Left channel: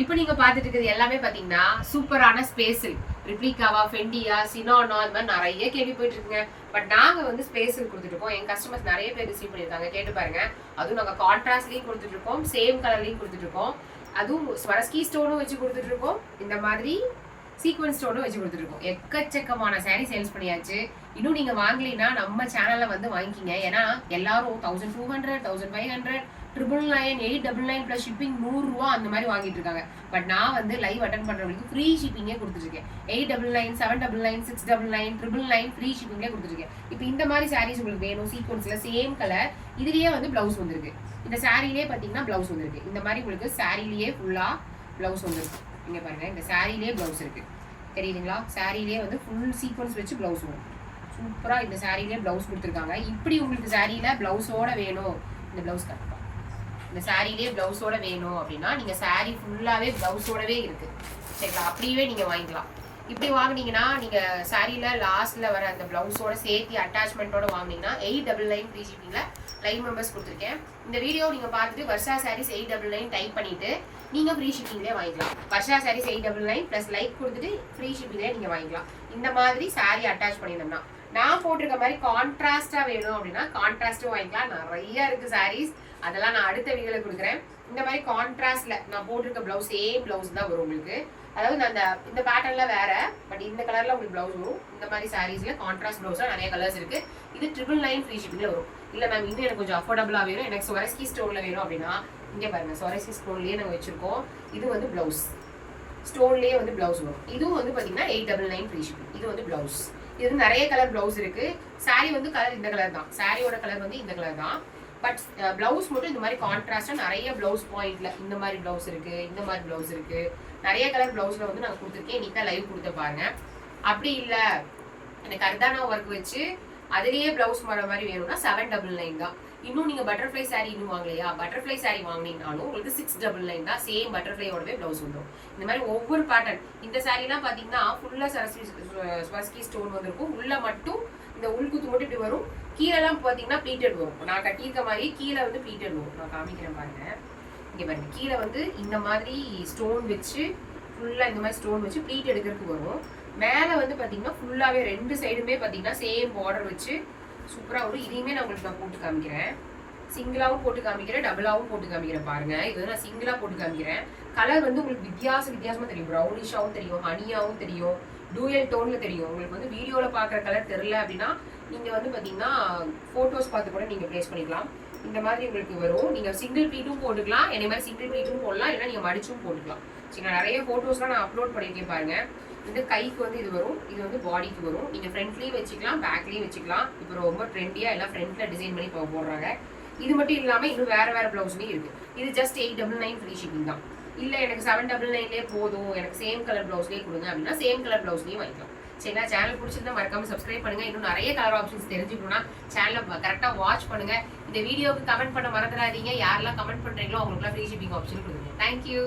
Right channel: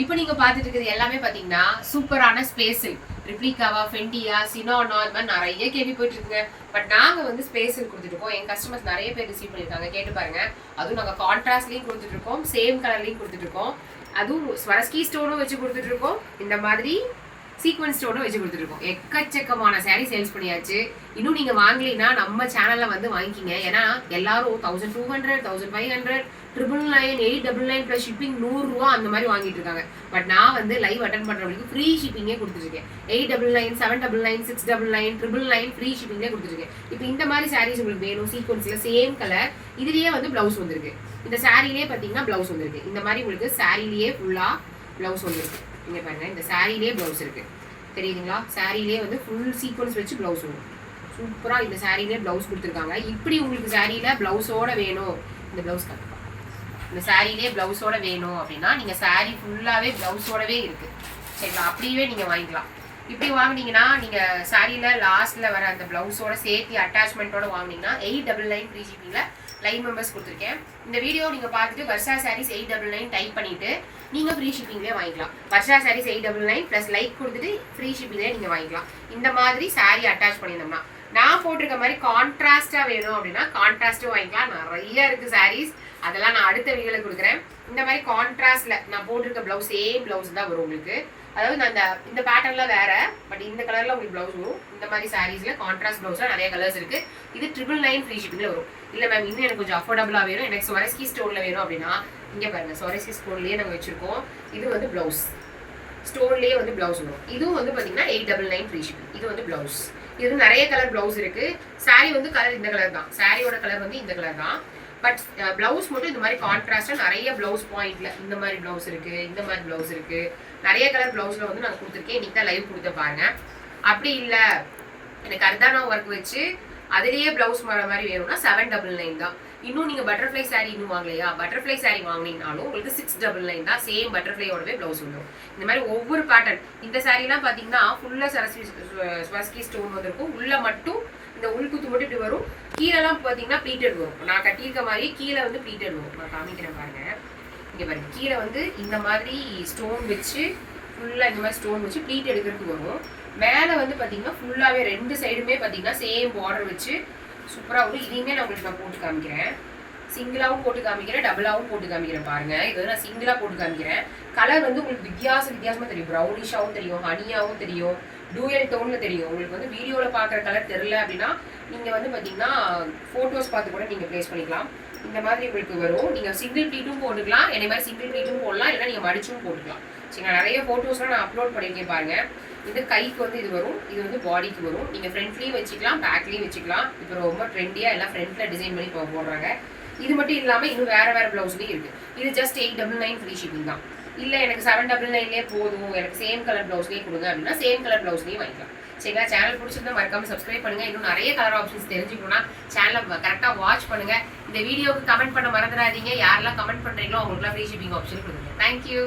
இப்போ நீங்க பார்த்துட்டு இருக்கிறது எல்லாமே பாத்தீங்கன்னா சூப்பரான ஸ்பேஸில் ரிப்ளிகாவா ஃபெண்டியா சினோனோ இந்த மாதிரி நிறைய கேள்வி போயிட்டு இருக்குங்க. பட் நாங்க வந்து ஸ்பேஸில் கொடுத்துட்டு இருக்கோம். என் கஸ்டமர்ஸ் நிறைய பேர் ரிசீவ் பண்ணியிருக்காங்க, கேட்டு பாருங்க. அதுவும் நாங்க கான்ட்ராஸ்ட்லயும் கொடுத்துட்டு இருக்கோம், சேம் கலர்லயும் கொடுத்துட்டு இருக்கோம். அதுவும் ஸ்வரஸ்கி ஸ்டோனும் வச்சு கொடுத்துட்டு இருக்கோம், இந்த மாதிரி சீக்வன்ஸ் ஸ்டோனும் வச்சு கொடுத்துருக்கோம். எக்கச்சக்கமான சாரீ சேல்ஸ் பண்ணியாச்சு. இன்னும் நீங்க வாங்கலைன்னா நம்ம சேனல்ல வந்து வாங்கிக்கிங்க. ஏன்னா எல்லாரும் 1200 1500 999 899 பிளஸ் ஷிப்பிங் 100 ரூபா அந்த மாதிரி வாங்கிட்டு இருக்காங்க. பட் நான் வந்து லைவ் அட்டன் பண்றவங்களுக்கு ஃப்ரீ ஷிப்பிங்கே கொடுத்துருக்கேன். 899 799 699 999 ஃப்ரீ ஷிப்பிங்லேயே கொடுத்துருக்கேன். இப்போ இந்த மாதிரி சாரீஸ் உங்களுக்கு வேணும் சீக்வன்ஸ்ல சேம் கலர், இதுலயே வந்து பிளவுஸ் வந்திருக்கு. இந்த சாரீலயே பாத்தீங்கன்னா பிளவுஸ் வந்திருக்கு. இந்த மாதிரி உங்களுக்கு சாரீலயே ஃபுல்லா பிளவுஸ் வந்திருக்கு. இங்க பாருங்க, இந்த சாரீலயே பிளவுஸ் இருக்கு, தெரியுதுங்களா? சாரீலயே வந்து ஃபுல் சீக்வன்ஸ் வச்சு பிளவுஸ் வரும். சூப்பரா இந்த சாரீலயே பிளவுஸ் கொடுத்துருக்காங்க. இப்படி உங்களுக்கு சாரீல பிளவுஸோட வேணும், இந்த பிளவுஸ் கட்டுப்பா, இந்த சாரீலயே பிளவுஸோட வேணும் அப்படின்னா நீங்க சாரீ ஃபுல்லாவே பிளவுஸோடவே இருக்கு, சரிங்களா? அப்படியே நீங்க வாங்கிக்கலாம். இப்படி வாங்கினீங்கன்னா நீங்க சாரீல லாஸ்ட்ல வர அந்த பிளவுஸோட சேர்த்து அட்டாச்மெண்ட்டோட வாங்கினீங்கன்னா 899 ஃப்ரீ ஷிப்பிங்ல லைவ் மெம்பர்ஸ் கொடுத்துருக்கேன். இந்த வீடியோ நீங்க பார்த்துட்டு வர்ஷா சாரீஸ் 899 டைப் பண்ணிட்டு நீங்க ஃப்ரீ ஷிப்பிங்லேயே வாங்கிக்கலாம். வர்ஷா சாரீஸ் 899 பிளஸ் லைக் கொடுத்துட்டு ஃப்ரீ ஷிப்பிங்லேயே நீங்க வாங்கிக்கலாம். இந்த மாதிரி சாரீ அட்டாச் பண்ணியிருந்தோம்னா நான் போட்டிருக்க மாதிரி கான்ட்ராஸ்டா வேணும் அப்படின்னா கான்ட்ராஸ்டும் வாங்கிக்கலாம். நிறைய இருக்கு சாரீஸ், அதெல்லாம் நான் அடுத்த வீடியோல கொடுக்குறேன். இந்த மாதிரி கான்ட்ராஸ்ட்ல நான் போட்டிருக்க பிளவுஸ் சேம் பிளவுஸ் தான் வரும் உங்களுக்கு. அதாவது நான் இந்த பேட்டர்ன்ல வேற, பட் இந்த கலர்ல உங்களுக்கு பிளவுஸ் வரும். இந்த மாதிரி சாரீஸ்ல கான்ட்ராஸ்ட் பிளவுஸ்ல நிறைய கலர்ஸ் இருக்கு. இது 999 ஃப்ரீ ஷிப்பிங்ல வரும். இல்ல மேம் இன்னும் எனக்கு கொஞ்சம் அஃபோர்டபுளா வேணும், எனக்கு ஸ்வரஸ்கி ஸ்டோன்ல வேணும் அப்படின்னா இங்க பாருங்க, ஸ்வரஸ்கி ஸ்டோன்லயே நாங்க வச்சிருக்கோம். இது வந்து பிளவுஸ் ஸ்டோன்லயே வந்து பிளவுஸ் வரும். இதுவும் வந்து பாத்தீங்கன்னா 899 ஃப்ரீ ஷிப்பிங். இது வந்து பிளவுஸ். இது நிறைய கலர் பிளவுஸ் இருக்கு. சாரீ வந்து கலர் இந்த கலர் தான், சாரியோட கலர் வந்து இந்த கலர் தான். பட் பிளவுஸ் மட்டும் இந்த மாதிரி கான்ட்ராஸ்டா நிறைய பிளவுஸ் பாயிண்ட்ல இந்த மாதிரி பிளவுஸ் இருக்கு, இந்த மாதிரி பிளவுஸ் இருக்கு, நிறைய கலர் பிளவுஸ்ல வந்து நான் கொடுத்துருக்கேன். இன்னைக்கு தான் லைவ் கொடுத்த பாருங்க. அப்படி இல்ல எனக்கு அர்தானா ஒர்க் வச்சு அதுலயே பிளவுஸ் வர மாதிரி வேணும்னா 799 தான். இன்னும் நீங்க பட்டர்ஃப்ளை சாரீ இன்னும் வாங்கலையா, பட்டர்ஃப்ளை சாரீ வாங்கினீங்கனாலும் உங்களுக்கு 699 தான். சேம் பட்டர்ஃப்ளையோடவே பிளவுஸ் வந்துடும். இந்த மாதிரி ஒவ்வொரு பேட்டர்ன். இந்த சாரீலாம் பாத்தீங்கன்னா ஃபுல்லா ஸ்வரஸ்கி ஸ்டோன் வந்திருக்கும். உள்ள மட்டும் இந்த உள்குத்து மட்டும் வரும். கீழெல்லாம் பாத்தீங்கன்னா ப்ளீட்டட் வரும். நான் கட்டியிருக்க மாதிரி கீழே வந்து ப்ளீட்டட் வரும். நான் காமிக்கிறேன் பாருங்க. இங்க பாருங்க, கீழே வந்து இந்த மாதிரி ஸ்டோன் வச்சு ஃபுல்லா இந்த மாதிரி ஸ்டோன் வச்சு ப்ளீட் எடுக்கிறதுக்கு வரும். மேலே வந்து பாத்தீங்கன்னா ஃபுல்லாவே ரெண்டு சைடுமே பாத்தீங்கன்னா சேம் பார்டர் வச்சு சூப்பரா வரும். இதையுமே நான் உங்களுக்கு நான் போட்டு காமிக்கிறேன். சிங்கிளாவும் போட்டு காமிக்கிறேன், டபுளாவும் போட்டு காமிக்கிறேன் பாருங்க. இது வந்து நான் சிங்கிளா போட்டு காமிக்கிறேன். கலர் வந்து உங்களுக்கு வித்தியாசமா தெரியும். ப்ரௌனிஷாவும் தெரியும், ஹனியாவும் தெரியும், டூயல் டோன்ல தெரியும். உங்களுக்கு வந்து வீடியோல பாக்குற கலர் தெரியல அப்படின்னா நீங்க வந்து பாத்தீங்கன்னா போட்டோஸ் பார்த்து கூட நீங்க பிளேஸ் பண்ணிக்கலாம். இந்த மாதிரி உங்களுக்கு வரும். நீங்க சிங்கிள் ப்ளீட்டும் போட்டுக்கலாம், என்னை மாதிரி சிங்கிள் ப்ளீட்டும் போடலாம், இல்லைன்னா நீங்க மடிச்சும் போட்டுக்கலாம். சரி, நான் நிறைய போட்டோஸ்லாம் நான் அப்லோட் பண்ணியிருக்கேன் பாருங்க. இது கைக்கு வந்து இது வரும், இது வந்து பாடிக்கு வரும். நீங்க ஃப்ரண்ட்லயும் வச்சுக்கலாம், பேக்லயும் வச்சுக்கலாம். இப்போ ரொம்ப ட்ரெண்டியா எல்லாம் ஃப்ரண்ட்ல டிசைன் பண்ணி போடுறாங்க. இது மட்டும் இல்லாம இன்னும் வேற வேற பிளவுஸ்லயும் இருக்கு. இது ஜஸ்ட் 899 ஃப்ரீ ஷிப்பிங் தான். இல்ல எனக்கு 799 போதும், எனக்கு சேம் கலர் பிளவுஸ்லயே கொடுங்க அப்படின்னா சேம் கலர் பிளவுஸ்லயும் வாங்கிக்கலாம். சரிங்களா? சேனல் பிடிச்சிருந்தா மறக்காம சப்ஸ்கிரைப் பண்ணுங்க. இன்னும் நிறைய கலர் ஆப்ஷன்ஸ் தெரிஞ்சுக்கணும்னா சேனலை கரெக்டா வாட்ச் பண்ணுங்க. இந்த வீடியோக்கு கமெண்ட் பண்ண மறந்துடாதீங்க. யாரெல்லாம் கமெண்ட் பண்றீங்களோ அவங்களுக்குலாம் ஃப்ரீ ஷிப்பிங் ஆப்ஷன் கொடுங்க. தேங்க்யூ.